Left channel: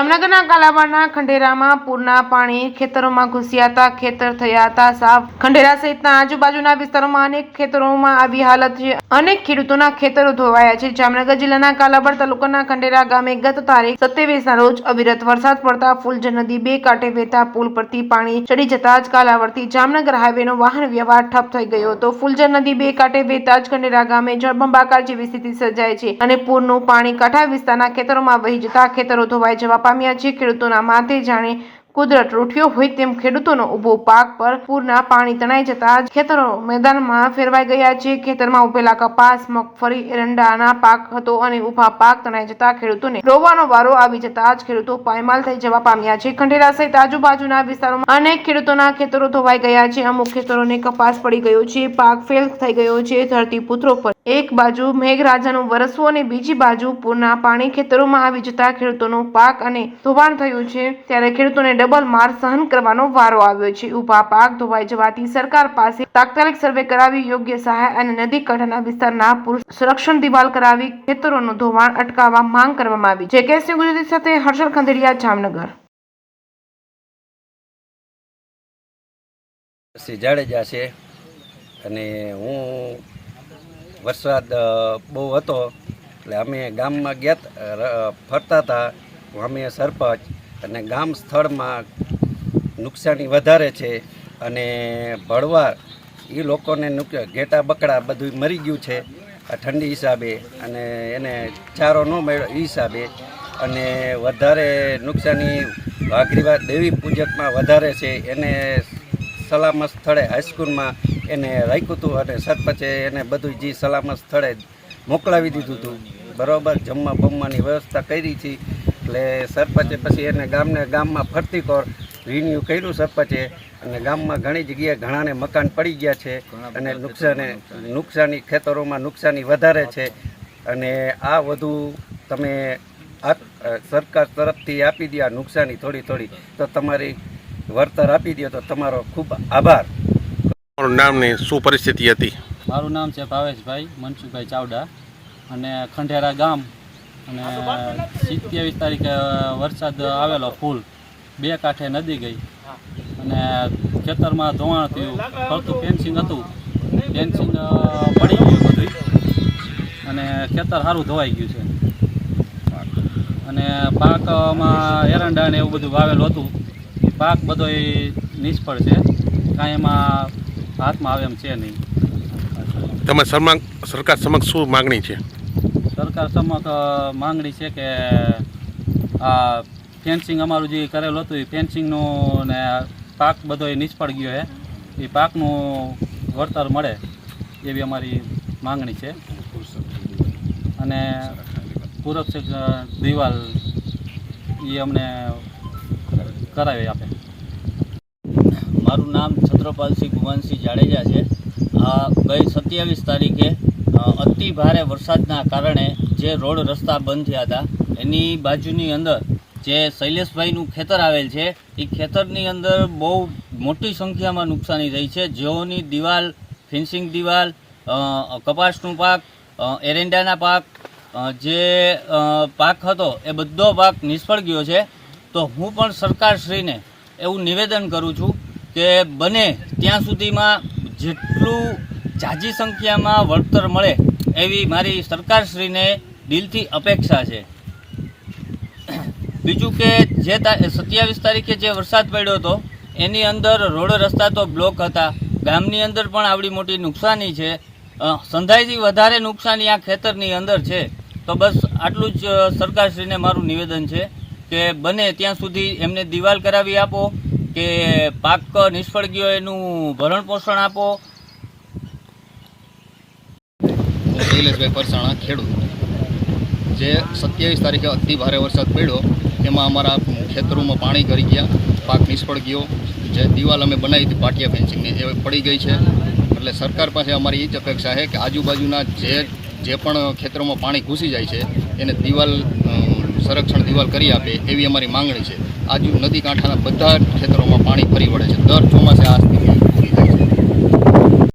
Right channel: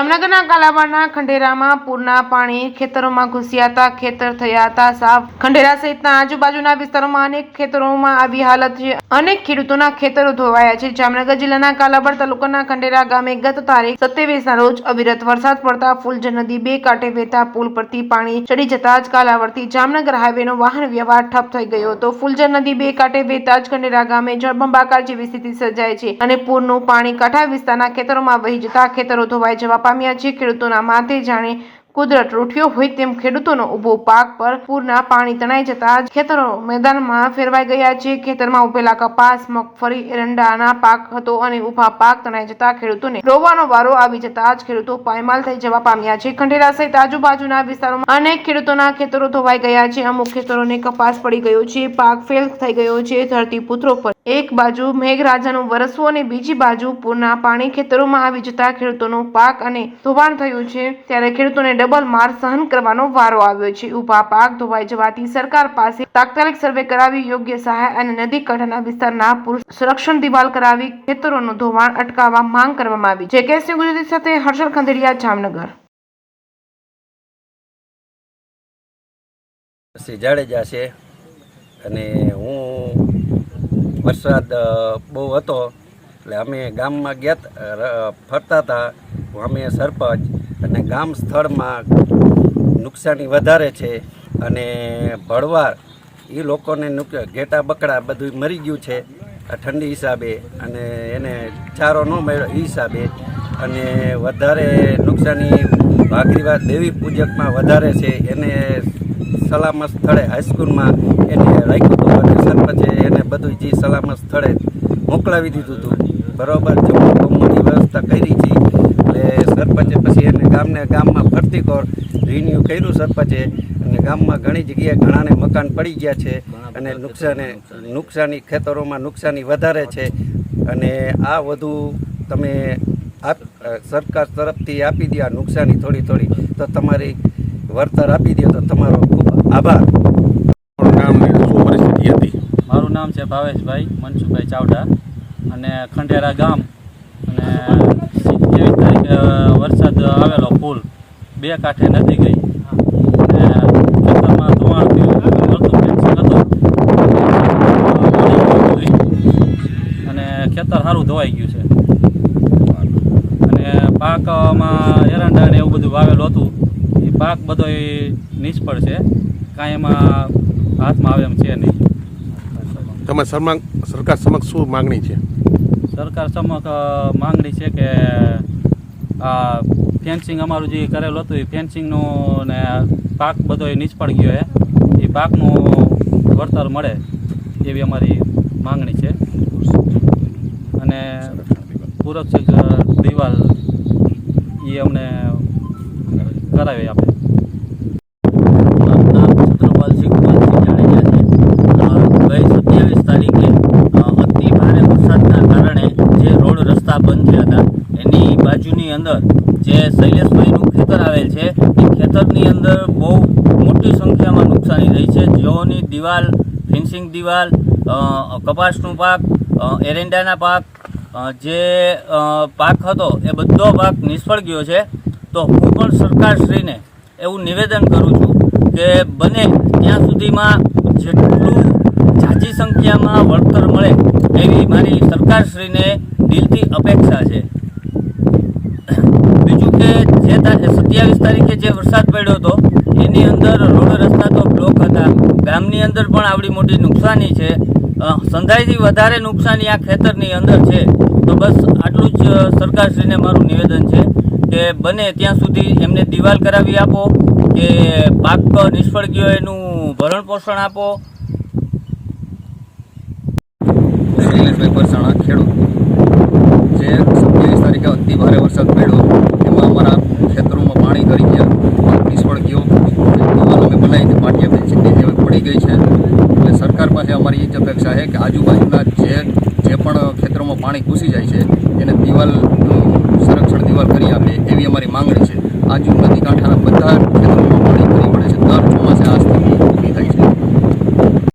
જામનગરના કાલાવાડના ખંડેરામાં પૂરના પાણી ખેતરોમાં ઘૂસ્યા હતા. ખેતર થયા હતા સાફ. ખંડેરા સહિતના આજુબાજુના વિસ્તારોમાં અનેક ખેતરોમાં આવી હાલત છે. અનેક ખેડૂતોના ખેતરો ધોવાયા છે. જામનગર જિલ્લાના કાલાવાડ તાલુકાના ખંડેરા ગામે ગત તારીખ 27ના રોજ અવિરત વરસાદ પડતા ફુલજર નદી બે કાંઠે વહેતા પુલ પરથી પાણી ચડી જતા જ કાલાવાડથી જામનગર હાઈવેનો વાહન વ્યવહાર ઠપ થઈ ગયો હતો. ફુલજર નદી બે કાંઠે વહેતા જ ખંડેરા ગામે જળબંબાકાર જેવી સ્થિતિ સર્જાય છે અને પૂરનું પાણી કાંઠા વિસ્તારના ખેતરોમાં વહી જતા ખેતરો ધોવાઈ જવા પામ્યા છે. ખેડૂતોના માથે જાણે કુદરત રૂઠ્યો હોય તેમ ખેડૂતોનો ઉભો પાક પર પૂરના પાણી તણાઈ જતા ખેતરો મેદાનમાં ફેરવાઈ ગયા છે. ખેતરમાં ઉભેલા કપાસ, મગફળી, એરંડાના પાક હતો અને ઉભા પાક તણાઈ જતા ખેડૂતોને રોવાનો વારો આવી જતા જ ખેડૂતો પાયમાલ થઈ જવા પામ્યા છે. ખંડેરા સહિત આજુબાજુના વિસ્તારોમાં અનેક ખેડૂતોના ખેતરો ધોવાઈ ગયા છે. અમુક ખેતરોને કપાસ પડી ગયો છે, પાક ફેલ થઈ ગયો છે. ધરતીપુત્રો પર એક બાજુ મેઘરાજાનું વરસવું અને બીજી બાજુ પૂરના પાણી ખેતરોમાં આવી જતા ખેડૂતોનો પાક અને ધોવાણ થયું છે. ત્યારે ખેડૂતોને ડબલ માર સહન કરવાનો વારો આવ્યો છે. ઉભા પાક ધોવાઈ જવાથી સરકાર પાસે તાત્કાલિક સર્વે કરાવી યોગ્ય સહાય અને નદી કાંઠાના વિસ્તારના પૂર સંરક્ષણ દિવાલ કરાવી ખેતરોનું ધોવાણ અટકાવવા માંગ કરવામાં આવી છે. કેસની ગુજરાતી સાથે હર્ષલ ખંડેરિયા, જામનગર. જાડેજા છે અને હું વરસાદ બહુ હતો એટલે અમે ગામમાં ગયા ફરતા હતા. અમે સરપંચ અને ગામ સ્થળમાં નુકસાની વધારે છે અને ભળવાર એ લોકોને ઘેટા બકડા બધું મરી ગયું છે આ ઠંડી હિસાબે અને એને ચારો ન મળ્યો એ હિસાબે અને વધારે નુકસાની વાઘરીવા દેવી પૂજકમાં વધારે છે. એને સલામત સ્થળે હાઈસ્કૂલમાં એને રાખ્યું હતું અને સરપંચે એને બધું જે સલામત સ્થળે મોકલાવી દીધું હતું. બરાબર જમવા બમવાની વ્યવસ્થા કરી છે એટલે સરપંચે પછી એને ગામમાં ફરતી કોર રિન્યુ કર્યું સરપંચે અને ગામમાં ઘણી જગ્યાએ ઘણાને મકાન પડી ગયા છે અને નુકસાની ખેતરોમાં નુકસાની વધારે છે અને આ વધુ તમે સરકાર તરફથી આપી દે આ નુકસાની થોડી તો તમારી વળતર આપી દો તો તમારો ખૂબ આભાર. મારું નામ ને શું પરિસ્થિતિ હતી? મારું નામ છે ભાવેશભાઈ મનસુખભાઈ ચાવડા અને ખંડેરા ગામ અને 27 તારીખે વરસાદ આવેલો ફૂલ બે કાંઠે નદી ગઈ અને ખેતરમાં ધોવાણ થયું. મળતું ફેન્સિંગ હતું, ફેન્સિંગ પડી ગયું બધું અને ખેતર સારું ધોવાઈ ગયું છે અને પાકમાં એરંડા ને એવું બધું વાવેલું હતું. પાક બધો નિષ્ફળ છે, કાંઈ એમાં હાથમાં આવે એમ છે નહીં. તમે સરકાર સમક્ષ શું માગણી છે? સરકાર સમક્ષ માંગણી છે કે આ ફેન્સિંગ અમારું જે કરેલું હતું એ ફેન્સિંગનું ને પાક બધો નિષ્ફળ ગયો છે, એ પાકનું વળતર મળે એવી અમારી માંગણી છે અને સુરક્ષિત દિવાલ એ અમને કરાવી આપે. મારું નામ છત્રપાલસિંહ કુમારસિંહ જાડેજા છે. ગઈ 27 તારીખે અતિ ભારે વરસાદના કારણે જે રોડ રસ્તા બંધ થયા હતા એની બાજુની અંદર જે શૈલેષભાઈનું ખેતર આવેલ છે એ ખેતરની અંદર બહુ મોટી સંખ્યામાં નુકસાની થઈ છે. જેઓની દિવાલ, ફેન્સિંગ દિવાલ, કપાસનું પાક, એરંડાના પાક, જે પાક હતો એ બધો પાક નિષ્ફળ ગયો છે. તો હું પણ સરકારશ્રીને એવું નિવેદન કરું છું કે બને ત્યાં સુધીમાં જેટલું ઝાઝી સંખ્યામાં વળતર મળે એવી મારી સરકારશ્રીને દિલથી અપેક્ષા છે. બીજું કે જે 27 તારીખે જે વરસાદ પડ્યો હતો એની અંદર રોડ રસ્તા તો બ્લોક હતા, ગામની અંદર પણ આવડી મોટી નુકસાની છે. સંધાઈથી વધારે નુકસાની આ ખેતરની અંદર છે. તો બસ આટલું જ સરકારશ્રીને મારું નિવેદન છે કે બને ત્યાં સુધી એમને દિવાલ કરાવી આપો કે પાક નિષ્ફળ ગયો એનું ભરણ પોષણ આપો. શૈલેષભાઈ પરસાણા, ખેડૂત. જે 27 તારીખે અતિ ભારે વરસાદ પડ્યો એમાં અમારા ખેતરોમાં પાણી કરી ગયા, પાક નિષ્ફળ ગયો. જે દિવાલ અમે બનાવી હતી પાટિયા ફેન્સિંગની જે પડી ગઈ છે. એટલે સરકાર પાસે અમારી એ જ અપેક્ષા છે કે આજુબાજુના જે પણ ખેતરોમાં પાણી ઘૂસી જાય છે એને દિવાલ સંરક્ષણ દિવાલ કરી આપે એવી અમારી માંગણી છે. આજુ નદી કાંઠાના બધા ખેતરોમાં પાણી ફરી વળે છે. દર ચોમાસે આ સ્થિતિ